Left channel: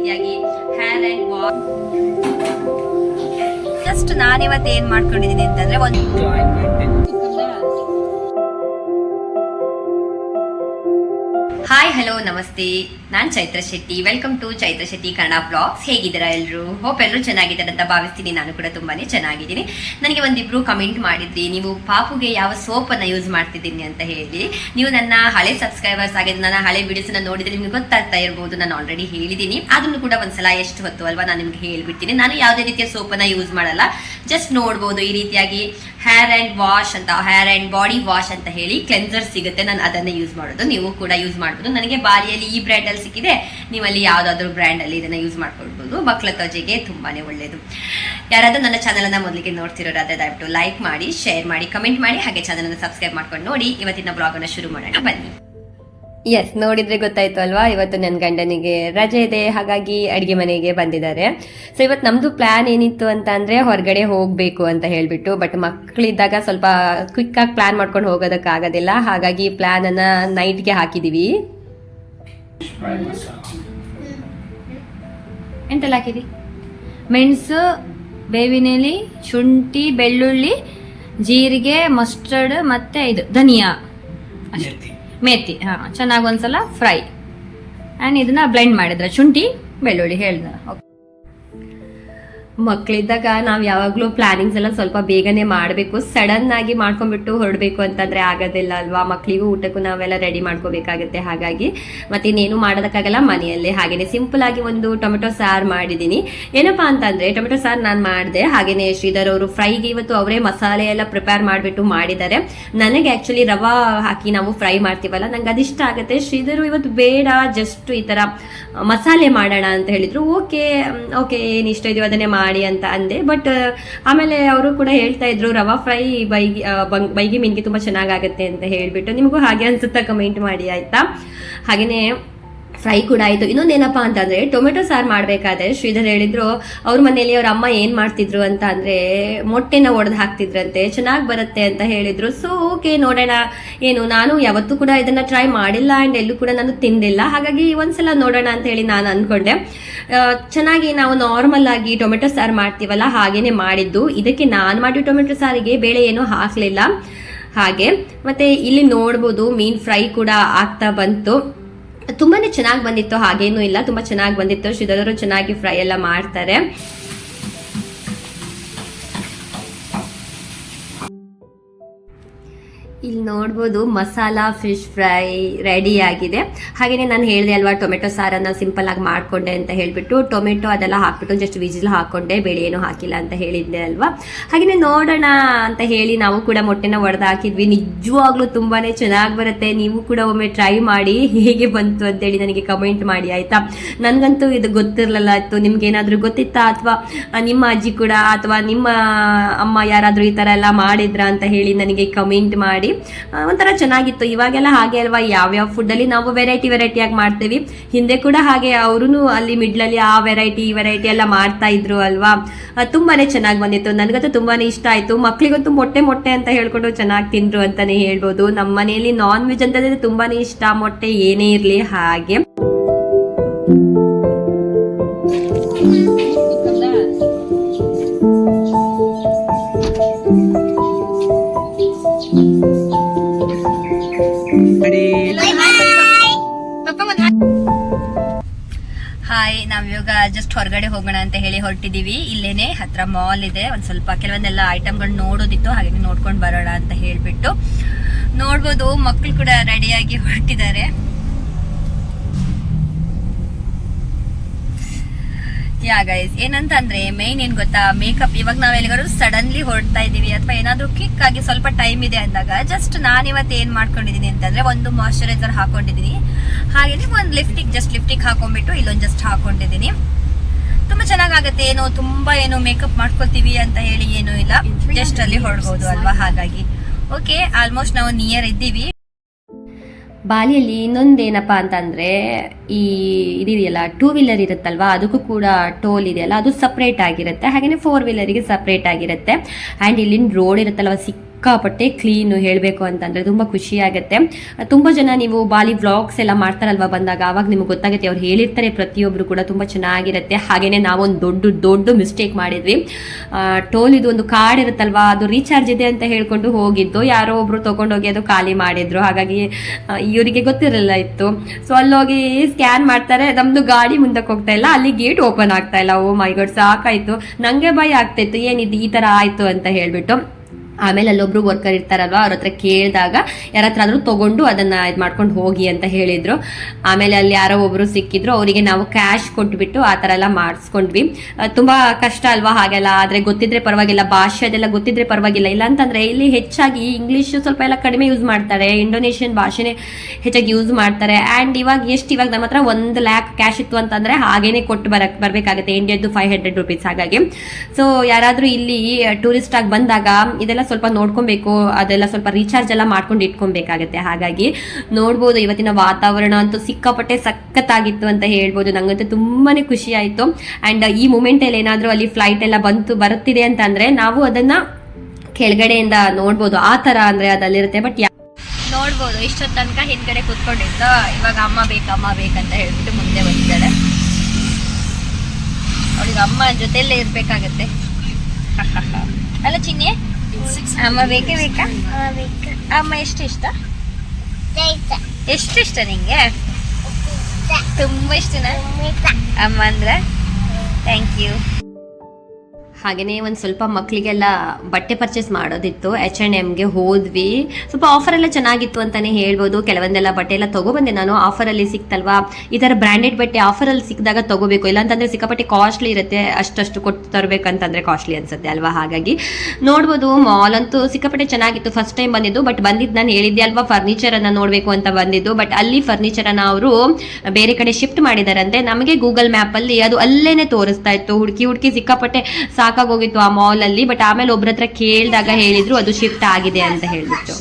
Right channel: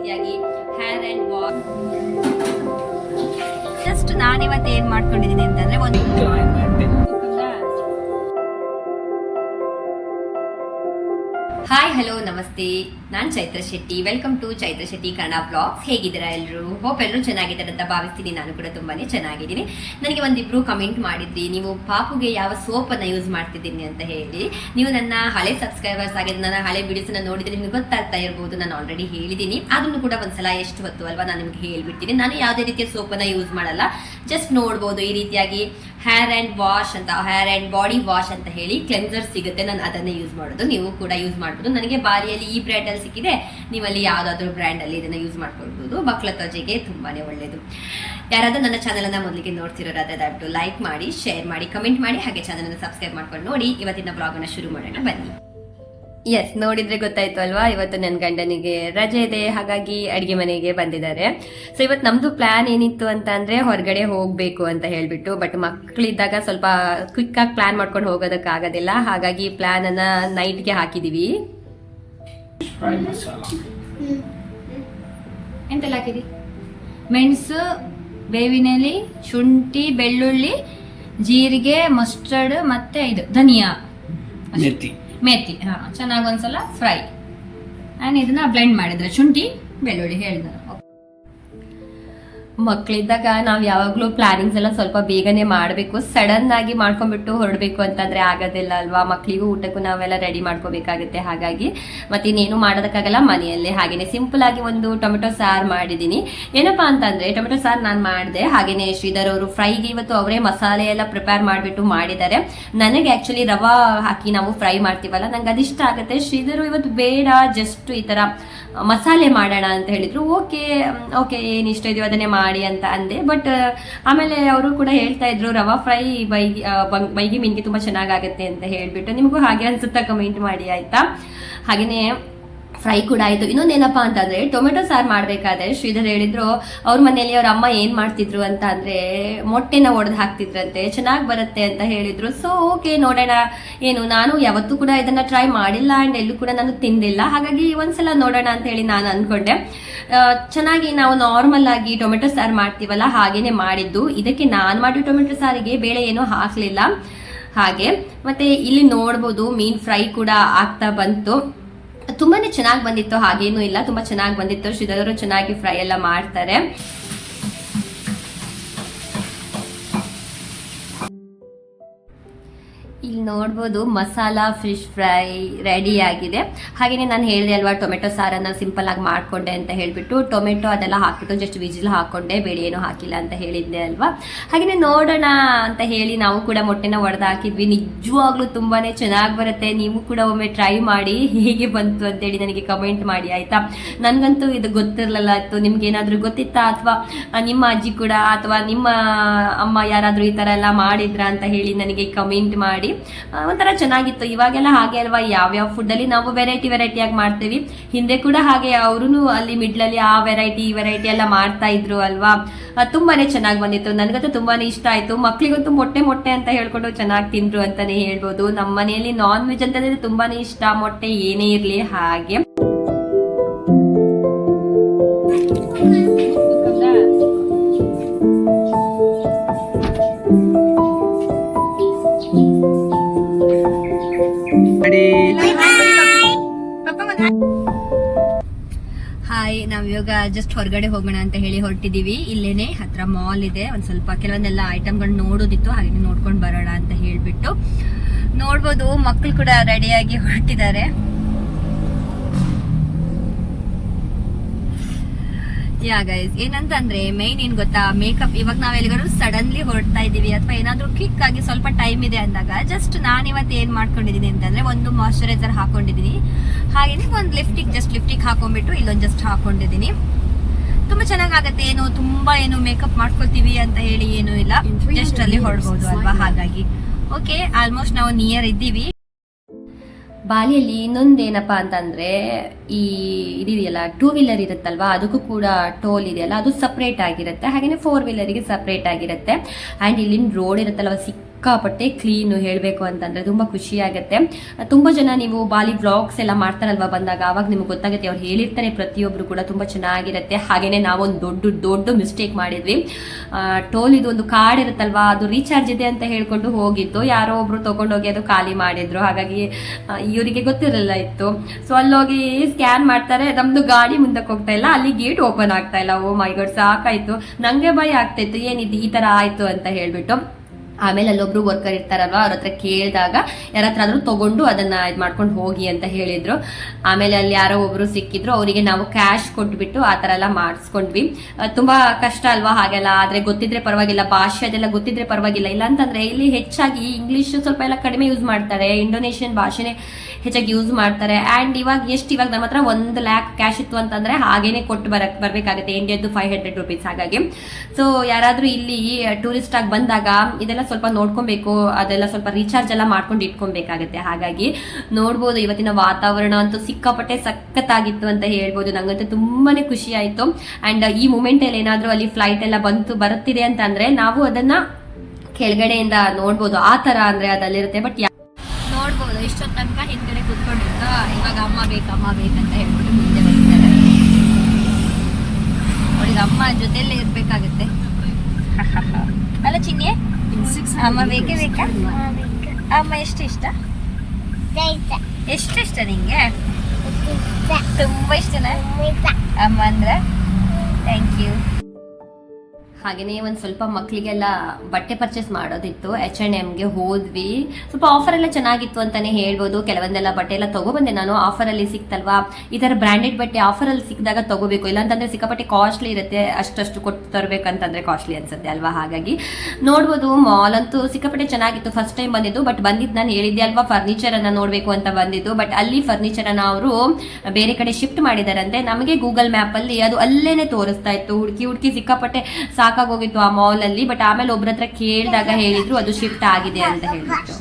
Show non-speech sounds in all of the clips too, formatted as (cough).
ರೀತಿಯಾಗಿ hand and walk just ನಾನಿವತ್ತು ಏನು ಮಾಡ್ಕೊಂಡಿದ್ದೀನಿ ಅಂತಂದ್ರೆ ಒಂದು ಹಾಯ್ ಹಲೋ ನಮಸ್ತೆ. ನಾನು Chaitra Shetty. Welcome to Chaitra Shetty Kannada blogs ಹೇಗಿದ್ದೀರಾ ಎಲ್ಲರೂ ಹೋಪ್ ಎಲ್ಲರೂ ಚೆನ್ನಾಗಿದ್ದಾರೆ ಅಂತ ಭಾವಿಸ್ತೀನಿ. ನಾನು ಕೂಡ ತುಂಬಾನೇ ಚೆನ್ನಾಗಿದ್ದೀನಿ. ನನಗೆ ಒಂದಿಬ್ರು ಕಮೆಂಟ್ ಮಾಡಿದ್ರಿ. ನೀವು ಪಾಪುಗೆ ಯಾವ ಸೋಪನ್ನು ಯೂಸ್ ಮಾಡ್ತಿದ್ದೀನಿ ಅಂತ ಹೇಳಿ. ನೀವು ನನ್ನ ಹಳೆ ಸಬ್ಸ್ಕ್ರೈಬರ್ಸ್ ಆಗಿದ್ರೆ ನನ್ನ ಹಳೆ ವಿಡಿಯೋಸ್ನ ನೋಡಿದ್ರೆ ನಿಮ್ಗೆ ಗೊತ್ತಾಗ್ತಾ ಇರ್ಬೋದು. ನಾನು ಆಲ್ರೆಡಿ ಹೇಳಿದ್ದೀನಿ. ಅದನ್ನು ಕೂಡ ಒಂದ್ಸಲ ಎಷ್ಟು ಹೊತ್ತು ಅಲ್ವಾ ನಾನು ನಿಮ್ಗೆ ಹೇಳಿಬಿಡ್ತೀನಿ. ನಾನು ಯಾವುದೇ ರೀತಿಯ ಸೋಪನ್ನು ಯೂಸ್ ಮಾಡಲ್ಲ. ಜಸ್ಟ್ ನೋಡ್ಬೋದು. ಈ ರೀತಿಯಾಗಿ ಹೇರ್ ಅಂಡ್ ವಾಶ್ ಅಂತ ಹೇರ್ ಅಂಡ್ ಬಾಡಿ ವಾಶ್ ಅಂತ ಹೇಳಿ ಕ್ಲೆನ್ಸರ್ ಸಿಗುತ್ತೆ. ನಾನು ಅದನ್ನೇ ಯೂಸ್ ಮಾಡೋದು. ನೀವು ಕೂಡ ಯೂಸ್ ಮಾಡ್ಬೋದು. ನನಗೆ ಬಾರಿಯಲ್ಲಿ ಈ ಬ್ರ್ಯಾಂಡ್ ಅಲ್ಲಿ ಸಿಕ್ಕಿದೆ. ನೀವಲ್ಲಿ ಯಾವ್ದಾದ್ರು ಬ್ರ್ಯಾಂಡ್ ಅಲ್ಲಿ ಇದನ್ನ ಯೂಸ್ ಮಾಡ್ಕೊಳ್ಬೋದು. ಮಕ್ಕಳ ತ್ವಜೆಗೆ ತುಂಬಾನೇ ಒಳ್ಳೇದು. ಯಾರಾದ್ರೂ ನನ್ನ ಚಾನಲ್ ಅನ್ನ ಮೊದಲಿಗೆ ನೋಡ್ತಿರೋರಾದ್ರೆ ದಯವಿಟ್ಟು ಲೈಕ್ ಮಾಡಿ ಶೇರ್ ಮಾಡಿ ಕಮೆಂಟ್ ಮಾಡಿ, ಹಾಗೆ ಚಾನಲ್ ಅನ್ನು ಸಬ್ಸ್ಕ್ರೈಬ್ ಮಾಡ್ಕೊಂಡು ನೋಡಿ. ಇವತ್ತಿನ ಬ್ಲಾಗ್ ಅನ್ನ ಶುರು ಮಾಡೋಣ. ಬನ್ನಿ. ಎಸ್ ನೋಡಿದ್ರೆ ಗೊತ್ತಾಯ್ತು ಅಲ್ವಾ? ಇವತ್ತು ನನ್ನ ಗಂಡನಿಗೆ ರಜೆ ಇದೆ. ಹಾಗಾಗಿ ಅಡಿಗೆ ಮನೆಗೆ ಬಂದಿದ್ದಾರೆ. ಸೊ ಇವತ್ತು ನಮ್ದು ಪ್ಲಾನ್ ಏನಿತ್ತು ಅಂತ ಅಂದ್ರೆ ಹೊರಗಡೆ ಹೋಗ್ಬೇಕು ಅಂತ ಹೇಳ್ಬಿಟ್ಟು ಬಟ್ ಮಕ್ಕಳಿದ್ದಾಗ ಸ್ವಲ್ಪ ಕ್ವಿಕ್ ಆಗಿ ಪ್ಲಾನ್ ಮಾಡ್ಕೊಂಡು ಹೋಗೋದಕ್ಕಾಗೋದಿಲ್ಲ. ಹಾಗಾಗಿ ಪ್ಲಾನ್ ಅನ್ನ ನೈಟ್ಗೆ ಹಾಕಿದೀವಿ. ಫ್ರೈ ಮಸಾಲ ಎಂತೆಲ್ಲ ಹಾಕಿದಿ? ಮೆಣಸು ಬೇವಿನೆಲೆ ಶುಂಠಿ ಬೆಳ್ಳುಳ್ಳಿ ಜೀರಿಗೆ ಮಸ್ಟರ್ಡ್ ಮತ್ತೆ ಇದು ಧನಿಯಾ. ಮೆತ್ತಿ ಮೇಥಿ ಹಾ ಚೆನ್ನಾಗಿ ಒಂದ್ಸಲ ಫ್ರೈ ಆ್ಯಂಡ್ ಇದನ್ನ ಬ್ಲೆಂಡ್ ಮಾಡಿದ್ರೆ. ಶುಂಠಿ ಬೆಳ್ಳುಳ್ಳಿ ಹೇಳ್ದ ಮಕ್ಕಳಿದ್ದಾಗ ನಾವು ಯಾವಾಗಲೂ ಪ್ಲಾನಿಂಗ್ಸ್ ಎಲ್ಲ ಸ್ವಲ್ಪ ಬೇಗನೆ ಮಾಡಬೇಕು. ಸಡನ್ ಆಗಿ ಮಾಡ್ಕೊಂಡ್ಬಿಟ್ಟು ಹೊರಡಬೇಕು ಅಂತಂದ್ರೆ ಆಗೋದಿಲ್ಲ ಅಲ್ವಾ? ಮಕ್ಕಳಿಗೂ ಊಟಕ್ಕೂ ನಾವೆಲ್ಲ ರೆಡಿ ಮಾಡ್ಕೋಬೇಕಾಗುತ್ತೆ ಹಾಗಾಗಿ. ಮತ್ತೆ ಇನ್ನೇನು ಮಾಡೋದಕ್ಕಾಗಲ್ಲ, ಮನೆಯಲ್ಲೇ ಹಾಗೇನೆ ಸಿಂಪಲ್ ಆಗಿ ಒಂದು ಟೊಮೆಟೊ ಸಾರು ಮಾಡಿದ್ದೀನಿ. ಏನಪ್ಪಾ ಅಂತಂದ್ರೆ, ಟೊಮೆಟೊ ಸಾರು ನಾನು ಮಾಡಿದೆ. ಹಾಗೇನೆ ಶ್ರೀಧರ್ ಅವರು ಫ್ರೈಗೆ ಇವತ್ತು ಅವರೇ ಮಸಾಲೆ ಎಲ್ಲ ಪ್ರಿಪೇರ್ ಮಾಡಿಬಿಟ್ಟು ಮಾಡಿದ್ದಾರೆ. ನನಗೆ ಆಕ್ಚುಲಿ ರವಾ ಹಾಕಿ ನಾವು ಫ್ರೈ ಮಾಡ್ತೀವಲ್ಲ, ನಂಗೆ ಅದಿಷ್ಟ ಆಗುತ್ತೆ. ಶ್ರೀಧರು ಇವತ್ತು ಬೇಡ ಜಸ್ಟ್ ಈ ತರ ಮಸಾಲೆ ಮಾಡೋಣ ಅಂತ ಹೇಳಿದ್ರು. ಓಕೆ ಓಕೆ ಏನು ಇಷ್ಟ ಇದೆಯೋ ಅದನ್ನೇ ಮಾಡಿ. ಅಂತ ಅಂದೆ. ಬಟ್ ಆಮೇಲೆ ಅವರು ಕೂಡ ಹೇಳ್ತಾ ಇದ್ರು ರವಾ ಫ್ರೈ ಬೈಗಿ ಬೈಗಿ ಮೀನಿಗೆ ತುಂಬಾ ಚೆನ್ನಾಗಾಗತ್ತೆ ಅಂತ ಹೇಳ್ಬಿಟ್ಟು. ನಿಮಗೂ ಹಾಗೆ ಅನ್ಸುತ್ತಾ ಕಮೆಂಟ್ ಮಾಡಿ ಆಯ್ತಾ? ಹಾಗೇನೆ ಫ್ರೈ ಕೂಡ ಆಯ್ತು. ಇನ್ನೊಂದೇನಪ್ಪಾ ಅಂತಂದ್ರೆ ಟೊಮೆಟೊ ಸಾರು ಮಾಡ್ಬೇಕಾದ್ರೆ ಶ್ರೀಧರ್ ಹೇಳಿದ್ರು ಅವ್ರ ಮನೇಲಿ ಅವ್ರ ಅಮ್ಮ ಏನ್ ಮಾಡ್ತಿದ್ರು ಅಂತ ಅಂದ್ರೆ ಮೊಟ್ಟೆನ ಒಡೆದು ಹಾಕ್ತಿದ್ರಂತೆ ಚೆನ್ನಾಗಿ ಬರುತ್ತೆ ಅಂತ ಹೇಳಿದ್ರು. ಸೊ ಓಕೆ ನೋಡೋಣ. ಏನು ನಾನು ಯಾವತ್ತೂ ಕೂಡ ಇದನ್ನ ಟ್ರೈ ಮಾಡಿಲ್ಲ ಅಂಡ್ ಎಲ್ಲೂ ಕೂಡ ನಾನು ತಿಂದಿಲ್ಲ. ಹಾಗಾಗಿ ಒಂದ್ಸಲ ನೋಡೋಣ ಅಂತ ಹೇಳಿ ನಾನು ಅನ್ಕೊಂಡೆ. ಆ, ಚೆನ್ನಾಗಿ ನಾವು ನಾರ್ಮಲ್ ಆಗಿ ಟೊಮೆಟೊ ಸಾರು ಮಾಡ್ತೀವಲ್ಲ, ಹಾಗೇನೆ ಮಾಡಿದ್ದು. ಇದಕ್ಕೆ ನಾನು ಮಾಡಿ ಟೊಮೆಟೊ ಸಾರಿಗೆ ಬೇಳೆ ಏನೂ ಹಾಕಲಿಲ್ಲ. ಹಾಗೆ, ಮತ್ತೆ ಇಲ್ಲಿ ನೋಡ್ಬೋದು, ಮೀನ್ ಫ್ರೈ ಕೂಡ ಆಗ್ತಾ ಬಂತು. ತುಂಬಾನೇ ಚೆನ್ನಾಗಿ ಬಂದಿತ್ತು, ಹಾಗೇನೂ ಇಲ್ಲ. ತುಂಬಾ ಚೆನ್ನಾಗಿ ಬಂದಿತ್ತು. ಶ್ರೀಧರರು ಚೆನ್ನಾಗಿ ಫ್ರೈ ಎಲ್ಲ ಮಾಡ್ತಾರೆ. ಇಲ್ಲಿ ನೋಡ್ಬೋದು ಮಸಾಲ ಫಿಶ್ ಫ್ರೈ ರೆಡಿ ಆಗಿದೆ. ಹಾಗೆಯೇ ನಾನು ಹೇಳಿದೆ ಅಲ್ವಾ, ಟೊಮೆಟೊ ಸಾರನ್ನ ಸಿಂಪಲ್ ಆಗಿ ಮಾಡಿಕೊಂಡೆ ಅಂತ ಹೇಳಿಬಿಟ್ಟು, ಟೊಮೆಟೊ ಅದೆಲ್ಲ ಹಾಕ್ಬಿಟ್ಟು ಜಸ್ಟ್ ವಿಜಿಲ್ ಹಾಕೊಂಡೆ ಬೆಳೆ ಏನು ಹಾಕಿಲ್ಲ ಅಂತ ಹೇಳಿದ್ದೆ ಅಲ್ವಾ? ಹಾಗೆಯೇ ನೋಡೋಣ ಅಂತ ಹೇಳಿ ನಾವು ಕೂಡ ಮೊಟ್ಟೆನ ಒಡೆದು ಹಾಕಿದ್ವಿ ನಿಜವಾಗ್ಲೂ ತುಂಬಾನೇ ಚೆನ್ನಾಗಿ ಬರುತ್ತೆ. ನೀವು ಕೂಡ ಒಮ್ಮೆ ಟ್ರೈ ಮಾಡಿ ಹೇಗೆ ಬಂತು ಅಂತೇಳಿ ನನಗೆ ಕಮೆಂಟ್ ಮಾಡಿ, ಆಯ್ತಾ? ನನಗಂತೂ ಇದು ಗೊತ್ತಿರಲಿಲ್ಲ ಇತ್ತು ನಿಮ್ಗೆ ಏನಾದರೂ ಗೊತ್ತಿತ್ತಾ ಅಥವಾ ನಿಮ್ಮ ಅಜ್ಜಿ ಕೂಡ ಅಥವಾ ನಿಮ್ಮ ಅಮ್ಮ ಯಾರಾದರೂ ಈ ಥರ ಎಲ್ಲ ಮಾಡಿದ್ರಾ ಅಂತ ಹೇಳಿ ನನಗೆ ಕಮೆಂಟ್ ಮಾಡಿ. ಒಂಥರ ಚೆನ್ನಾಗಿತ್ತು. ಇವಾಗೆಲ್ಲ ಹಾಗೆ ಅಲ್ವಾ? ಯಾವ್ಯಾವ ಫುಡ್ಡಲ್ಲಿ ನಾವು ವೆರೈಟಿ ವೆರೈಟಿಯಾಗಿ ಮಾಡ್ತೀವಿ. ಹಿಂದೆ ಕೂಡ ಹಾಗೆ ಅವರು ಅಲ್ಲಿ ಮಿಡ್ಲಲ್ಲಿ ಆ ವೆರೈಟಿ ಈ ವೆರೈಟಿ ಎಲ್ಲ ಮಾಡ್ತಾ ಇದ್ರು ಅಲ್ವಾ? ತುಂಬಾನೇ ಚೆನ್ನಾಗಿ ಬಂದಿತ್ತು. ನನಗಂತೂ ತುಂಬಾನೇ ಇಷ್ಟ ಆಯ್ತು. ಮಕ್ಳಿಗಂತೂ ಮೊಟ್ಟೆ ಮೊಟ್ಟೆ ಅಂತ ಹೇಳ್ಕೊಂಡು ಚೆನ್ನಾಗಿ ತಿಂದ್ರು ಅಂತಾನೆ ಹೇಳ್ಬೋದು. ನಮ್ಮ ಮನೆಯಲ್ಲಿ ನಾನ್ ವೆಜ್ ಅಂತಂದ್ರೆ ತುಂಬಾನೇ ಇಷ್ಟ. ಮೊಟ್ಟೆ ಏನೇ ಇರ್ಲಿ ಹಾಗೆ. ಹಾಯ್ ನಾವ್ ಇವಾಗ ಜಸ್ಟ್ ಹೊರಗಡೆ ಹೋಗೋಣ ಅಂತ ಹೇಳಿ ಹೊರಟಿದೀವಿ. ಇಲ್ಲೇನೆ ಹತ್ರ ಮಾಲ್ ಇದೆ. ಒಂದ್ ಸ್ವಲ್ಪ ಕೆಲವೊಂದೆಲ್ಲ ಐಟಮ್ಗಳು ನೋಡೋದಿತ್ತು. ಹಾಗೆ ನೋಡ್ಕೊಂಡು ಬರೋಣ ಅಂತ ಹೇಳ್ಬಿಟ್ಟು. ನೋಡ್ಬೋದು ಮಕ್ಕಳು ಕೂಡ ರೆಡಿಯಾಗಿ ಹೊರಟಿದ್ದಾರೆ. ಯಾ ಗೈಸ್ ಏನಂತಂದ್ರೆ ಮೇನ್ ಏನ್ ಗೊತ್ತಾ? ಮೇಕಪ್ ಇವಾಗ ನಾವ್ ಎಲ್ಲಿಗಾದ್ರು ಸಡನ್ಲಿ ಹೊರಡ್ತಾ ಇದೀವಿ ಅಥವಾ ಏನಾದ್ರೂ ಕಿಕ್ ಆಗಿ ಸ್ವಲ್ಪ ಟೈಮ್ ಇದೆ ಅಂದಾಗ ಜಸ್ಟ್ ನಾನು ಇವತ್ತು ಏನ್ ಮಾಡ್ಕೊಂಡಿದೀನಿ ಅಂತಂದ್ರೆ ಒಂದು ಮಾಯಶ್ಚರೈಸರ್ ಹಾಕೊಂಡಿದೀನಿ ಹಾಗೇನೆ ಒಂದು ಲಿಫ್ಟಿಕ್ ಜಸ್ಟ್ ಲಿಫ್ಟಿಕ್ ಹಾಕೊಂಡ್ಬಿಟ್ಟು ಇಲ್ಲೊಂದು ಜಸ್ಟ್ ಹಾಕೊಂಡಿದೀನಿ ತುಂಬಾ ಚೆನ್ನಾಗಾಗತ್ತೆ. ಏನು, ತುಂಬಾ ಏನು ಮೇಕಪ್ ಮಾಡ್ಕೊಳ್ತೀವಿ ಅಂತ ಹೇಳಿ ಏನು ಇಲ್ಲ. ಜಸ್ಟ್ ಅಲ್ಲಿ ಹೊರಡ್ಬೋದು ಅಲ್ವಾ? ಹಾಗಾಗಿ. ಓಕೆ ಆಲ್ಮೋಸ್ಟ್ ನಾವು ನಿಯರ್ ಇದ್ದೀವಿ. ಬಾಲಿಯಲ್ಲಿ ಇನ್ನೊಂದೇನಪ್ಪ ಅಂತಂದ್ರೆ ಈ ಇದಿದೆಯಲ್ಲ ಟೂ ವೀಲರ್ ಇರುತ್ತಲ್ವಾ, ಅದಕ್ಕೂ ಕೂಡ ಟೋಲ್ ಇದೆಯಲ್ಲ, ಅದು ಸಪ್ರೇಟ್ ಆಗಿರುತ್ತೆ. ಹಾಗೇನೆ ಫೋರ್ ವೀಲರಿಗೆ ಸಪ್ರೇಟ್ ಆಗಿರುತ್ತೆ. ಆ್ಯಂಡ್ ಇಲ್ಲಿನ ರೋಡ್ ಇರುತ್ತಲ್ವ ಸಿಕ್ಕ ಸಿಕ್ಕಾಪಟ್ಟೆ ಕ್ಲೀನು ಹೇಳಬೇಕು ಅಂತಂದರೆ ತುಂಬ ಖುಷಿ ಆಗುತ್ತೆ. ತುಂಬ ಜನ ನೀವು ಬಾಲಿ ವ್ಲಾಗ್ಸ್ ಎಲ್ಲ ಮಾಡ್ತಾರಲ್ವ ಬಂದಾಗ, ಆವಾಗ ನಿಮ್ಗೆ ಗೊತ್ತಾಗುತ್ತೆ ಅವ್ರು ಹೇಳಿರ್ತಾರೆ ಪ್ರತಿಯೊಬ್ಬರು ಕೂಡ ತುಂಬ ಚೆನ್ನಾಗಿರುತ್ತೆ. ಹಾಗೆಯೇ ನಾವೊಂದು ದೊಡ್ಡ ದೊಡ್ಡ ಮಿಸ್ಟೇಕ್ ಮಾಡಿದ್ವಿ. ಟೋಲ್ ಇದು ಒಂದು ಕಾರ್ಡ್ ಇರುತ್ತಲ್ವಾ, ಅದು ರೀಚಾರ್ಜ್ ಇದೆ ಅಂತ ಹೇಳ್ಕೊಂಡು ಹೋಗಿದ್ದು. ಯಾರೋ ಒಬ್ರು ತಗೊಂಡೋಗಿ ಅದು ಖಾಲಿ ಮಾಡಿದ್ರು. ಹಾಗಾಗಿ ಇವರಿಗೆ ಗೊತ್ತಿರಲಿಲ್ಲ ಇತ್ತು. ಸೊ ಅಲ್ಲೋಗಿ ಸ್ಕ್ಯಾನ್ ಮಾಡ್ತಾರೆ. ನಮ್ದು ಗಾಡಿ ಮುಂದಕ್ಕೆ ಹೋಗ್ತಾ ಇಲ್ಲ. ಅಲ್ಲಿ ಗೇಟ್ ಓಪನ್ ಆಗ್ತಾ ಇಲ್ಲ. ಓ ಮೈ ಗಾಡ್ ಸಾಕಾಯ್ತು. ನಂಗೆ ಭಯ ಆಗ್ತಾ ಇತ್ತು. ಏನಿದು ಈ ತರ ಆಯ್ತು ಅಂತ ಹೇಳ್ಬಿಟ್ಟು. ಆಮೇಲೆ ಅಲ್ಲೊಬ್ರು ವರ್ಕರ್ ಇರ್ತಾರಲ್ವ, ಅವ್ರ ಹತ್ರ ಕೇಳಿದಾಗ ಯಾರ ಹತ್ರ ಆದ್ರೂ ತಗೊಂಡು ಅದನ್ನ ಇದು ಮಾಡ್ಕೊಂಡು ಹೋಗಿ ಅಂತ ಹೇಳಿದ್ರು. ಆಮೇಲೆ ಅಲ್ಲಿ ಯಾರೋ ಒಬ್ರು ಸಿಕ್ಕಿದ್ರು, ಅವರಿಗೆ ನಾವು ಕ್ಯಾಶ್ ಕೊಟ್ಬಿಟ್ಟು ಆ ತರ ಎಲ್ಲ ಮಾಡಿಸ್ಕೊಂಡ್ವಿ. ತುಂಬಾ ಕಷ್ಟ ಅಲ್ವಾ ಹಾಗೆಲ್ಲ, ಆದ್ರೆ ಗೊತ್ತಿದ್ರೆ ಪರವಾಗಿಲ್ಲ, ಭಾಷೆ ಅದೆಲ್ಲ ಗೊತ್ತಿದ್ರೆ ಪರವಾಗಿಲ್ಲ. ಇಲ್ಲ ಅಂತಂದ್ರೆ ಇಲ್ಲಿ ಹೆಚ್ಚಾಗಿ ಇಂಗ್ಲಿಷ್ ಸ್ವಲ್ಪ ಎಲ್ಲ ಕಡಿಮೆ ಯೂಸ್ ಮಾಡ್ತಾರೆ ಇಂಡೋನೇಷಿಯನ್ ಭಾಷೆನೇ ಹೆಚ್ಚಾಗಿ ಯೂಸ್ ಮಾಡ್ತಾರೆ. ಆ್ಯಂಡ್ ಇವಾಗ ಎಷ್ಟು ಇವಾಗ ನಮ್ಮ ಹತ್ರ ಒಂದು ಲ್ಯಾಕ್ ಕ್ಯಾಶ್ ಇತ್ತು ಅಂತಂದರೆ ಹಾಗೇನೆ ಕೊಟ್ಟು ಬರಕ್ ಬರಬೇಕಾಗುತ್ತೆ. ಇಂಡಿಯಾದ್ದು ಫೈವ್ ಹಂಡ್ರೆಡ್ ರುಪೀಸ್ ಹಾಗಾಗಿ. ಸೊ ಯಾರಾದರೂ ಇಲ್ಲಿ ಟೂರಿಸ್ಟ್ ಆಗಿ ಬಂದಾಗ ಇದೆಲ್ಲ ಸ್ವಲ್ಪ ನೋಡ್ಕೊಬೇಕು. ಅದೆಲ್ಲ ಸ್ವಲ್ಪ ರೀಚಾರ್ಜ್ ಎಲ್ಲ ಮಾಡ್ಕೊಂಡು ಇಟ್ಕೊಬೇಕಾಗುತ್ತೆ. ಹಾಗಾಗಿ ನೋಡ್ಬೋದು, ಇವತ್ತಿನ ವಾತಾವರಣ ಅಂತೂ ಸಿಕ್ಕಾಪಟ್ಟೆ ಸಖತ್ತಾಗಿತ್ತು ಅಂತ ಹೇಳ್ಬೋದು. ನಂಗಂತೂ ತುಂಬಾನೇ ಖುಷಿ ಆಯಿತು. ಆ್ಯಂಡ್ ಈ ಮೂಮೆಂಟಲ್ಲಿ ಏನಾದರೂ ಅಲ್ಲಿ ಫ್ಲೈಟ್ ಎಲ್ಲ ಬಂತು, ಬರುತ್ತಿದೆ ಅಂತಂದ್ರೆ ನಾವು ಅದನ್ನ ಕೆಳಗಡೆಯಿಂದ ನೋಡ್ಬೋದು. ಆ ತರ ಅಂದ್ರೆ ಅದಲ್ಲಿರುತ್ತೆ ಬಟ್ ನೋಡ್ಬೋದು ಇಷ್ಟೊತ್ತು ತನಕ ಹಿಂದ್ಗಡೆ ಕುತ್ಕೊಂಡಿದ್ದು ಇವಾಗ ಅಮ್ಮ ಬೇಕು ಅಮ್ಮ ಬೇಕಂತ ಹೇಳ್ಬಿಟ್ಟು ಮುಂದೆ ಬಂದಿದ್ದಾರೆ. ಅವಳಿಗೆ ಅಮ್ಮ ಜೊತೆಯಲ್ಲೇ ಇರ್ಬೇಕಾಗತ್ತೆ. (laughs) ಅಲ್ಲ ಚಿನ್ನಿ ಅಮ್ಮ ಬೇಕೇ ಬೇಕಾ? ಅಮ್ಮ ಎಷ್ಟು ಇಷ್ಟ? ಎಷ್ಟು ಇಷ್ಟ ನಿಂಗೆ? ತುಂಬಾ ಇಷ್ಟನಾ? ಅಮ್ಮ ಅಂದ್ರೆ? ಥ್ಯಾಂಕ್ ಯು ಹಾಗೆಯೇ ಒಂದು ಸ್ವಲ್ಪ ಮಕ್ಕಳಿಗೆಲ್ಲ ಬಟ್ಟೆ ಪರ್ಚೇಸ್ ಮಾಡೋದಿತ್ತು. ಎಚ್ ಆ್ಯಂಡ್ ಎಮ್ಗೆ ಹೋದ್ವಿ. ಸ್ವಲ್ಪ ಆಫರ್ ಎಲ್ಲ ಚೆನ್ನಾಗಿತ್ತು ಅಂತಲೇ ಹೇಳ್ಬೋದು. ಕೆಲವೊಂದೆಲ್ಲ ಬಟ್ಟೆ ಎಲ್ಲ ತೊಗೊಬಂದೆ ನಾನು. ಆಫರಲ್ಲಿ ಸಿಕ್ತಲ್ವಾ? ಈ ಥರ ಬ್ರ್ಯಾಂಡೆಡ್ ಬಟ್ಟೆ ಆಫರಲ್ಲಿ ಸಿಕ್ಕಿದಾಗ ತೊಗೋಬೇಕು. ಇಲ್ಲಾಂತಂದರೆ ಸಿಕ್ಕಾಪಟ್ಟೆ ಕಾಸ್ಟ್ಲಿ ಇರುತ್ತೆ. ಅಷ್ಟಷ್ಟು ಕೊಟ್ಟು ತರಬೇಕಂತಂದರೆ ಕಾಸ್ಟ್ಲಿ ಅನ್ಸುತ್ತೆ ಅಲ್ವಾ? ಹಾಗಾಗಿ ನೋಡ್ಬೋದು. ಮಾಲ್ ಅಂತೂ ಸಿಕ್ಕಾಪಟ್ಟೆ ಚೆನ್ನಾಗಿತ್ತು. ಫಸ್ಟ್ ಟೈಮ್ ಬಂದಿದ್ದು. ಬಟ್ ಬಂದಿದ್ದು ನಾನು ಹೇಳಿದ್ದೆ ಅಲ್ವಾ? ಫರ್ನಿಚರನ್ನು ನೋಡಬೇಕು ಅಂತ ಬಂದಿದ್ದು. ಬಟ್ ಅಲ್ಲಿ ಫರ್ನಿಚರನ್ನು ಅವರು ಬೇರೆ ಕಡೆ ಶಿಫ್ಟ್ ಮಾಡಿದಾರಂತೆ. ನಮಗೆ ಗೂಗಲ್ ಮ್ಯಾಪಲ್ಲಿ ಅದು ಅಲ್ಲೇನೆ ತೋರಿಸ್ತಾ ಇತ್ತು. ಹುಡುಕಿ ಹುಡುಕಿ ಸಿಕ್ಕಾಪಟ್ಟೆ ಸಾಕಾಗೋಗಿತ್ತು ಆ ಮಾಲ್ ಅಲ್ಲಿ ಬಟ್ ಆಮೇಲೆ ಒಬ್ರ ಹತ್ರ ಕೇಳಿದಾಗ ಹೇಳಿದ್ರು ಅದು ಶಿಫ್ಟ್ ಆಗಿದೆ ಅಂತ ಹೇಳ್ಬಿಟ್ಟು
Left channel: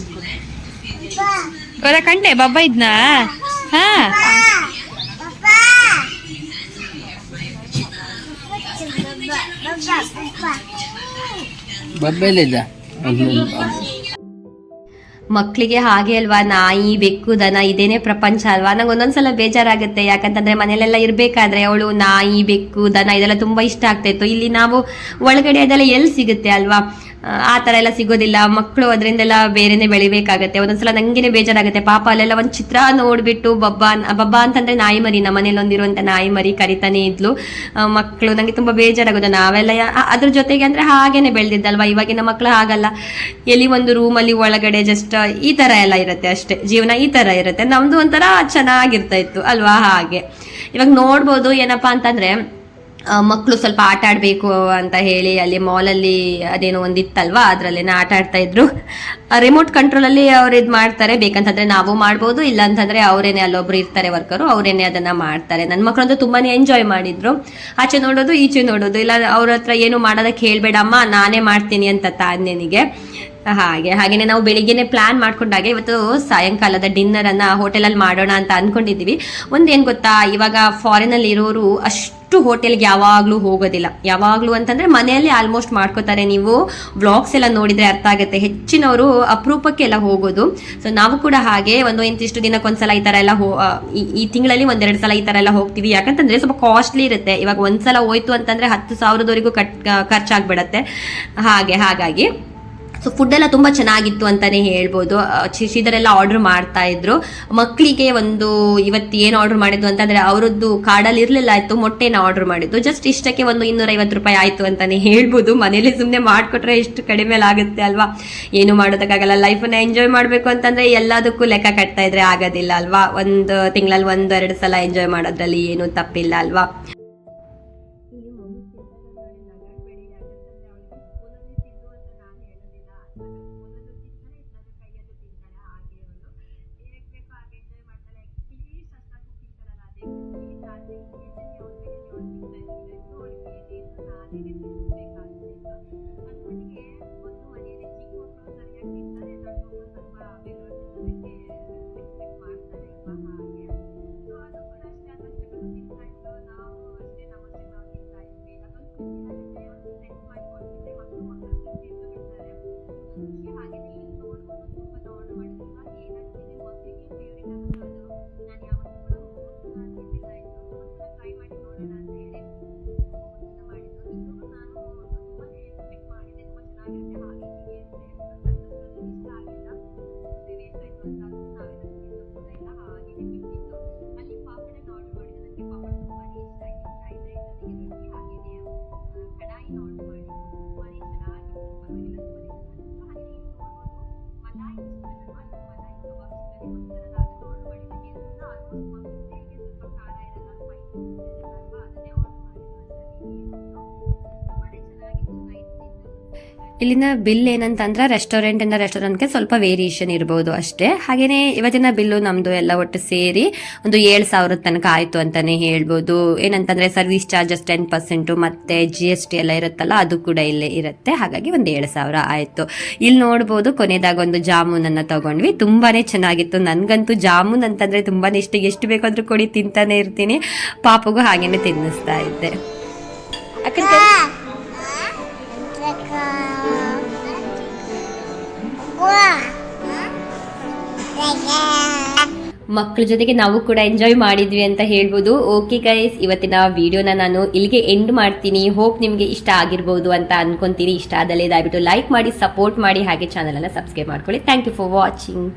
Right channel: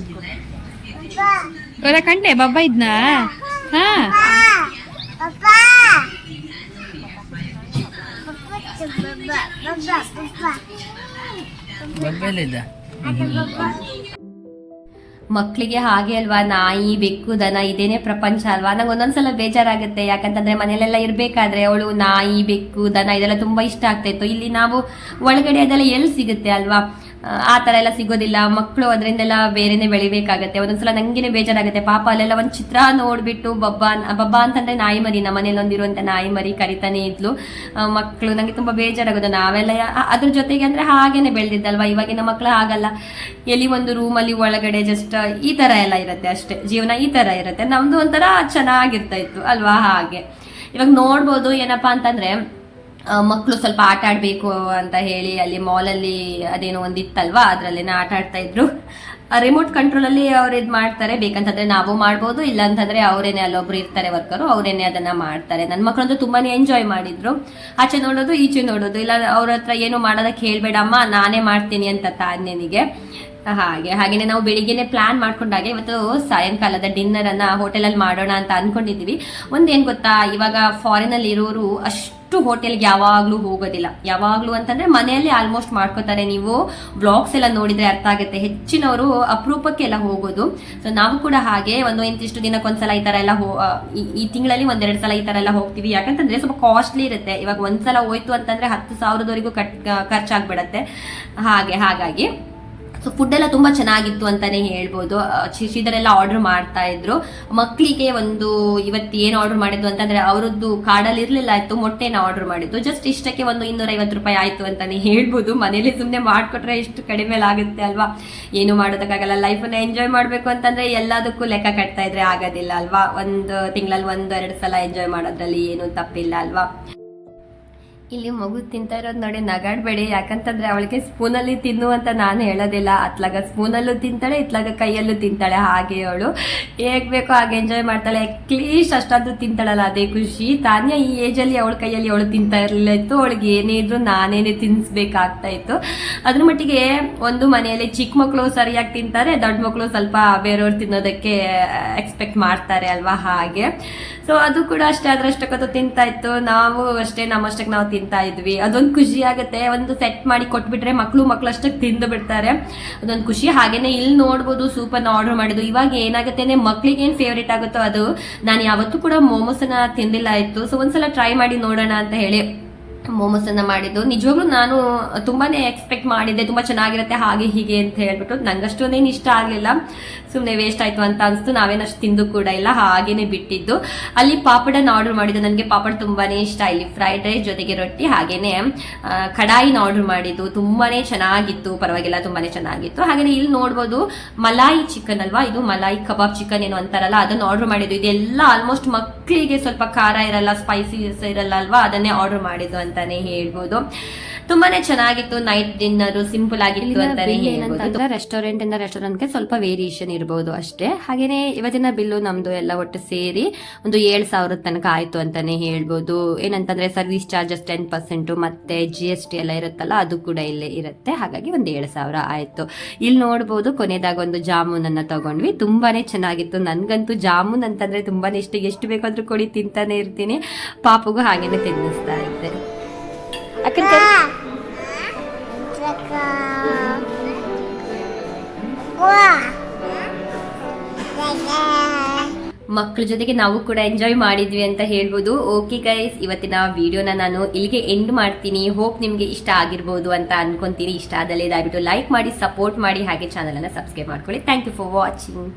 ಕಂಡೆ ಬಬ್ಬ ಇದ್ನಾ? ಹಾ. ಬಬ್ಬೆಲ್ಲಿದ್ದ ಮಕ್ಕಳಿಗೆ ಹಾಗೆ ಅಲ್ವಾ? ನಾಯಿ, ಬೆಕ್ಕು, ದನ, ಇದೇನೆ ಪ್ರಪಂಚ ಅಲ್ವಾ? ನಂಗೆ ಒಂದೊಂದ್ಸಲ ಬೇಜಾರಾಗುತ್ತೆ. ಯಾಕಂತಂದ್ರೆ ಮನೆಯಲ್ಲೆಲ್ಲ ಇರಬೇಕಾದ್ರೆ ಅವಳು ನಾಯಿ, ಬೆಕ್ಕು, ದನ, ಇದೆಲ್ಲ ತುಂಬಾ ಇಷ್ಟ ಆಗ್ತಾ ಇತ್ತು. ಇಲ್ಲಿ ನಾವು ಒಳಗಡೆ ಅದೆಲ್ಲ ಎಲ್ಲಿ ಸಿಗುತ್ತೆ ಅಲ್ವಾ? ಆ, ತರ ಎಲ್ಲ ಸಿಗೋದಿಲ್ಲ. ಮಕ್ಕಳು ಅದರಿಂದೆಲ್ಲ ಬೇರೆನೆ ಬೆಳಿಬೇಕಾಗತ್ತೆ. ಒಂದೊಂದ್ಸಲ ನಂಗೆನೆ ಬೇಜಾರಾಗುತ್ತೆ. ಪಾಪ ಅಲ್ಲೆಲ್ಲ ಒಂದ್ ಚಿತ್ರ ನೋಡ್ಬಿಟ್ಟು ಬಬ್ಬಾ ಬಬ್ಬಾ ಅಂತಂದ್ರೆ ನಾಯಿ ಮರಿ. ನಮ್ಮ ಮನೇಲಿ ಒಂದಿರುವಂತ ನಾಯಿ ಮರಿ ಕರಿತಾನೆ ಇದ್ಲು. ಮಕ್ಕಳು ನಂಗೆ ತುಂಬಾ ಬೇಜಾರಾಗೋದು. ನಾವೆಲ್ಲ ಅದ್ರ ಜೊತೆಗೆ ಅಂದ್ರೆ ಹಾಗೇನೆ ಬೆಳೆದಿದ್ದಲ್ವಾ? ಇವಾಗಿನ ಮಕ್ಕಳು ಹಾಗಲ್ಲ. ಎಲ್ಲಿ ಒಂದು ರೂಮಲ್ಲಿ ಒಳಗಡೆ ಜಸ್ಟ್ ಈ ತರ ಎಲ್ಲ ಇರುತ್ತೆ ಅಷ್ಟೇ. ಜೀವನ ಈ ತರ ಇರುತ್ತೆ. ನಮ್ದು ಒಂಥರ ಚೆನ್ನಾಗಿರ್ತಾ ಇತ್ತು ಅಲ್ವಾ? ಹಾಗೆ. ಇವಾಗ ನೋಡ್ಬೋದು ಏನಪ್ಪಾ ಅಂತಂದ್ರೆ ಮಕ್ಕಳು ಸ್ವಲ್ಪ ಆಟ ಆಡಬೇಕು ಅಂತ ಹೇಳಿ ಅಲ್ಲಿ ಮಾಲಲ್ಲಿ ಅದೇನೋ ಒಂದಿತ್ತಲ್ವಾ? ಅದರಲ್ಲೇನೋ ಆಟ ಆಡ್ತಾ ಇದ್ರು. ರಿಮೋಟ್ ಕಂಟ್ರೋಲಲ್ಲಿ ಅವ್ರು ಇದು ಮಾಡ್ತಾರೆ. ಬೇಕಂತಂದ್ರೆ ನಾವು ಮಾಡ್ಬೋದು ಇಲ್ಲ ಅಂತಂದ್ರೆ ಅವರೇನೆ ಅಲ್ಲೊಬ್ರು ಇರ್ತಾರೆ ವರ್ಕರು ಅವರೇನೆ ಅದನ್ನ ಮಾಡ್ತಾರೆ. ನನ್ನ ಮಕ್ಕಳಂತೂ ತುಂಬಾನೇ ಎಂಜಾಯ್ ಮಾಡಿದ್ರು. ಆಚೆ ನೋಡೋದು, ಈಚೆ ನೋಡೋದು. ಇಲ್ಲ, ಅವ್ರ ಹತ್ರ ಏನು ಮಾಡೋದಕ್ಕೆ ಹೇಳ್ಬೇಡಮ್ಮ, ನಾನೇ ಮಾಡ್ತೀನಿ ಅಂತ ತಾನ್ಯನಿಗೆ ಹಾಗೆ, ಹಾಗೇನೆ ನಾವು ಬೆಳಿಗ್ಗೆನೆ ಪ್ಲಾನ್ ಮಾಡ್ಕೊಂಡಾಗ ಇವತ್ತು ಸಾಯಂಕಾಲದ ಡಿನ್ನರ್ ಅನ್ನ ಹೋಟೆಲಲ್ಲಿ ಮಾಡೋಣ ಅಂತ ಅನ್ಕೊಂಡಿದೀವಿ ಒಂದೇನ್ ಗೊತ್ತಾ, ಇವಾಗ ಫಾರಿನ್ ಅಲ್ಲಿ ಇರೋರು ಅಷ್ಟು ಹೋಟೆಲ್ಗೆ ಯಾವಾಗ್ಲೂ ಹೋಗೋದಿಲ್ಲ. ಯಾವಾಗ್ಲೂ ಅಂತಂದ್ರೆ ಮನೆಯಲ್ಲಿ ಆಲ್ಮೋಸ್ಟ್ ಮಾಡ್ಕೋತಾರೆ ನೀವು. ವ್ಲಾಗ್ಸ್ ಎಲ್ಲ ನೋಡಿದ್ರೆ ಅರ್ಥ ಆಗುತ್ತೆ. ಹೆಚ್ಚಿನವರು ಅಪರೂಪಕ್ಕೆ ಎಲ್ಲ ಹೋಗೋದು. ಸೊ ನಾವು ಕೂಡ ಹಾಗೆ ಒಂದು ಇಂತಿಷ್ಟು ದಿನಕ್ಕೊಂದ್ಸಲ ಈ ತರ ಎಲ್ಲ ಹೋ ಈ- ಈ ತಿಂಗಳಲ್ಲಿ ಒಂದೆರಡು ಸಲ ಈ ತರ ಎಲ್ಲ ಹೋಗ್ತೀವಿ. ಯಾಕಂತಂದ್ರೆ ಸ್ವಲ್ಪ ಕಾಸ್ಟ್ಲಿ ಇರುತ್ತೆ. ಇವಾಗ ಒಂದ್ಸಲ ಹೋಯ್ತು ಅಂತಂದ್ರೆ ಹತ್ತು ಸಾವಿರದವರೆಗೂ ಕಟ್ ಖರ್ಚಾಗ್ಬಿಡತ್ತೆ. ಹಾಗೆ, ಹಾಗಾಗಿ. ಸೊ ಫುಡ್ ಎಲ್ಲ ತುಂಬಾ ಚೆನ್ನಾಗಿತ್ತು ಅಂತಾನೆ ಹೇಳ್ಬೋದು. ಶಿಶಿದರೆಲ್ಲ ಆರ್ಡರ್ ಮಾಡ್ತಾ ಇದ್ರು. ಮಕ್ಕಳಿಗೆ ಒಂದು ಇವತ್ತು ಏನು ಆರ್ಡರ್ ಮಾಡಿದ್ದು ಅಂತಂದ್ರೆ ಅವರದ್ದು ಕಾಡಲ್ಲಿ ಇರಲಿಲ್ಲ, ಆಯ್ತು, ಮೊಟ್ಟೆನ ಆರ್ಡರ್ ಮಾಡಿದ್ದು. ಜಸ್ಟ್ ಇಷ್ಟಕ್ಕೆ ಒಂದು ಇನ್ನೂರ ಐವತ್ತು ರೂಪಾಯಿ ಆಯ್ತು ಅಂತಾನೆ ಹೇಳ್ಬೋದು. ಮನೇಲಿ ಸುಮ್ಮನೆ ಮಾಡ್ಕೊಟ್ರೆ ಎಷ್ಟು ಕಡಿಮೆ ಆಗುತ್ತೆ ಅಲ್ವಾ? ಏನು ಮಾಡೋದಕ್ಕಾಗಲ್ಲ. ಲೈಫನ್ನ ಎಂಜಾಯ್ ಮಾಡಬೇಕು ಅಂತಂದ್ರೆ ಎಲ್ಲದಕ್ಕೂ ಲೆಕ್ಕ ಕಟ್ತಾ ಇದ್ರೆ ಆಗೋದಿಲ್ಲ ಅಲ್ವಾ? ಒಂದು ತಿಂಗಳಲ್ಲಿ ಒಂದು ಎರಡು ಸಲ ಎಂಜಾಯ್ ಮಾಡೋದ್ರಲ್ಲಿ ಏನು ತಪ್ಪಿಲ್ಲ ಅಲ್ವಾ? ಇಲ್ಲಿ ಮಗು ತಿಂತಾ ಇರೋದು ನೋಡಿ ನಗಾಡ್ಬೇಡಿ, ಯಾಕಂತಂದ್ರೆ ಅವಳಿಗೆ ಸ್ಪೂನಲ್ಲಿ ತಿನ್ನು ಅಂತ ನಾನು ಹೇಳೋದಿಲ್ಲ. ಅತ್ಲಾಗ ಸ್ಪೂನಲ್ಲೂ ತಿಂತಾಳೆ, ಇತ್ಲಾಗ ಕೈಯಲ್ಲೂ ತಿಂತಾಳೆ. ಹಾಗೆ ಅವಳು ಹೇಗ್ ಬೇಕೋ ಹಾಗೆ ಎಂಜಾಯ್ ಮಾಡ್ತಾಳೆ. ಅಟ್ಲೀಸ್ಟ್ ಅಷ್ಟಾದ್ರೂ ತಿಂತಾಳಲ್ಲ. ಅದೇ ಖುಷಿ. ತಾನೇ ಈ ಏಜಲ್ಲಿ ಅವಳ ಕೈಯಲ್ಲಿ ಅವಳು ತಿಂತಾ ಇರಲಿಲ್ಲ ಇತ್ತು ಅವಳಿಗೆ ಏನೇ ಇದ್ರು ನಾನೇನೆ ತಿನ್ಸ್ಬೇಕಾಗ್ತಾ ಇತ್ತು. ಅದ್ರ ಮಟ್ಟಿಗೆ ಒಂದು ಮನೆಯಲ್ಲಿ ಚಿಕ್ಕ ಮಕ್ಕಳು ಸರಿಯಾಗಿ ತಿಂತಾರೆ, ದೊಡ್ಡ ಮಕ್ಕಳು ಸ್ವಲ್ಪ ಬೇರೆಯವ್ರು ತಿನ್ನೋದಕ್ಕೆ ಎಕ್ಸ್ಪೆಕ್ಟ್ ಮಾಡ್ತಾರೆ ಅಲ್ವಾ ಹಾಗೆ. ಸೊ ಅದು ಕೂಡ ಅಷ್ಟೇ. ಅದ್ರಷ್ಟಕ್ಕದು ತಿಂತಾ ಇತ್ತು. ನಾವು ಅಷ್ಟೇ, ನಮ್ಮಷ್ಟಕ್ಕೆ ನಾವು ತಿಂತಾ ಇದ್ವಿ. ಅದೊಂದು ಖುಷಿ ಆಗುತ್ತೆ. ಒಂದು ಸೆಟ್ ಮಾಡಿ ಕೊಟ್ಬಿಟ್ರೆ ಮಕ್ಕಳು ಮಕ್ಕಳು ಅಷ್ಟಕ್ಕೆ ತಿಂದು ಬಿಡ್ತಾರೆ. ಅದೊಂದು ಖುಷಿ. ಹಾಗೇನೆ ಇಲ್ಲಿ ನೋಡ್ಬೋದು ಸೂಪನ್ನು ಆರ್ಡರ್ ಮಾಡಿದ್ದು. ಇವಾಗ ಏನಾಗುತ್ತೆ ಮಕ್ಕಳಿಗೆ ಏನು ಫೇವ್ರೇಟ್ ಆಗುತ್ತೋ ಅದು. ನಾನು ಯಾವತ್ತೂ ಕೂಡ ಮೋಮೋಸನ್ನ ತಿಂದಿಲ್ಲ ಇತ್ತು ಸೊ ಒಂದ್ಸಲ ಟ್ರೈ ಮಾಡಿ ನೋಡೋಣ ಅಂತ ಹೇಳಿ. ಮೋಮೋಸ್ ಅನ್ನ ಮಾಡಿದ್ದು. ನಿಜವಾಗ್ಲೂ ನಾನು ತುಂಬಾನೇ ಎಕ್ಸ್ಪೆಕ್ಟ್ ಮಾಡಿದ್ದೆ, ತುಂಬಾ ಚೆನ್ನಾಗಿರುತ್ತೆ, ಹಾಗೆ ಹೀಗೆ ಅಂತ ಹೇಳ್ಬಿಟ್ಟು. ನಂಗಷ್ಟೊಂದೇನು ಇಷ್ಟ ಆಗಲಿಲ್ಲ. ಸುಮ್ಮನೆ ವೇಸ್ಟ್ ಆಯ್ತು ಅಂತ ಅನಿಸ್ತು. ನಾವೇನಷ್ಟು ತಿಂದು ಕೂಡ ಇಲ್ಲ, ಹಾಗೇನೆ ಬಿಟ್ಟಿದ್ದು. ಅಲ್ಲಿ ಪಾಪಡನ್ನ ಆರ್ಡರ್ ಮಾಡಿದ್ದು. ನನಗೆ ಪಾಪಡ್ ತುಂಬಾನೇ ಇಷ್ಟ. ಇಲ್ಲಿ ಫ್ರೈಡ್ ರೈಸ್ ಜೊತೆಗೆ ರೊಟ್ಟಿ, ಹಾಗೇನೆ ಕಡಾಯಿನ ಆರ್ಡರ್ ಮಾಡಿದ್ದು. ತುಂಬಾನೇ ಚೆನ್ನಾಗಿತ್ತು. ಪರವಾಗಿಲ್ಲ, ತುಂಬಾನೇ ಚೆನ್ನಾಗಿತ್ತು. ಹಾಗೇನೆ ಇಲ್ಲಿ ನೋಡ್ಬೋದು, ಮಲಾಯಿ ಚಿಕನ್ ಅಲ್ವಾ? ಇದು ಮಲಾಯಿ ಕಬಾಬ್ ಚಿಕನ್ ಏನು ಅಂತಾರಲ್ಲ, ಅದನ್ನ ಆರ್ಡರ್ ಮಾಡಿದ್ದು. ಇದೆಲ್ಲ ಆಲ್ಮೋಸ್ಟ್ ಮಕ್ಕಳಿಗೆ ಸ್ವಲ್ಪ ಖಾರ ಇರಲ್ಲ ಸ್ಪೈಸೀಸ್ ಇರಲ್ಲ ಅಲ್ವಾ? ಅದನ್ನೇ ಆರ್ಡರ್ ಮಾಡಿದ್ದು ಅಂತಾನೆ ಹೇಳ್ಬೋದು. ತುಂಬಾನೇ ಚೆನ್ನಾಗಿತ್ತು ನೈಟ್ ಡಿನ್ನರ್ ಸಿಂಪಲ್ ಆಗಿತ್ತು ಇಲ್ಲಿನ ಬಿಲ್. ಏನಂತಂದ್ರೆ ರೆಸ್ಟೋರೆಂಟ್ ಇಂದ ರೆಸ್ಟೋರೆಂಟ್ಗೆ ಸ್ವಲ್ಪ ವೇರಿಯೇಷನ್ ಇರಬಹುದು ಅಷ್ಟೇ. ಹಾಗೇನೆ ಇವತ್ತಿನ ಬಿಲ್ಲು ನಮ್ದು ಎಲ್ಲ ಒಟ್ಟು ಸೇರಿ ಒಂದು ಏಳು ಸಾವಿರದ ತನಕ ಆಯ್ತು ಅಂತಾನೆ ಹೇಳ್ಬೋದು. ಏನಂತಂದ್ರೆ ಸರ್ವಿಸ್ ಚಾರ್ಜಸ್ ಟೆನ್ ಪರ್ಸೆಂಟ್ ಮತ್ತೆ ಜಿ ಎಸ್ ಟಿ ಎಲ್ಲ ಇರುತ್ತಲ್ಲ ಅದು ಕೂಡ ಇಲ್ಲೇ ಇರುತ್ತೆ. ಹಾಗಾಗಿ ಒಂದು ಏಳು ಸಾವಿರ ಆಯ್ತು. ಇಲ್ಲಿ ನೋಡ್ಬೋದು ಕೊನೆದಾಗ ಒಂದು ಜಾಮೂನ್ ಅನ್ನ ತಗೊಂಡ್ವಿ. ತುಂಬಾನೇ ಚೆನ್ನಾಗಿತ್ತು. ನನ್ಗಂತೂ ಜಾಮೂನ್ ಅಂತಂದ್ರೆ ತುಂಬಾನೇ ಇಷ್ಟ. ಎಷ್ಟು ಬೇಕಾದ್ರೂ ಕೊಡಿ, ತಿಂತಾನೆ ಇರ್ತೀನಿ. ಪಾಪಗೂ ಹಾಗೇನೆ ತಿನ್ನಿಸ್ತಾ ಇದ್ದೆ. ಮಕ್ಕಳ ಜೊತೆಗೆ ನಾವು ಕೂಡ ಎಂಜಾಯ್ ಮಾಡಿದ್ವಿ ಅಂತ ಹೇಳ್ಬೋದು. ಓಕೆ ಗೈಸ್ ಇವತ್ತಿನ ವಿಡಿಯೋನ ನಾನು ಇಲ್ಲಿಗೆ ಎಂಡ್ ಮಾಡ್ತೀನಿ. ಹೋಪ್ ನಿಮಗೆ ಇಷ್ಟ ಆಗಿರ್ಬೋದು ಅಂತ ಅನ್ಕೊಂತೀನಿ. ಇಷ್ಟ ಆದಲ್ಲೇ ದಯವಿಟ್ಟು ಲೈಕ್ ಮಾಡಿ ಸಪೋರ್ಟ್ ಮಾಡಿ, ಹಾಗೆ ಚಾನಲನ್ನು ಸಬ್ಸ್ಕ್ರೈಬ್ ಮಾಡ್ಕೊಳ್ಳಿ. Thank you for watching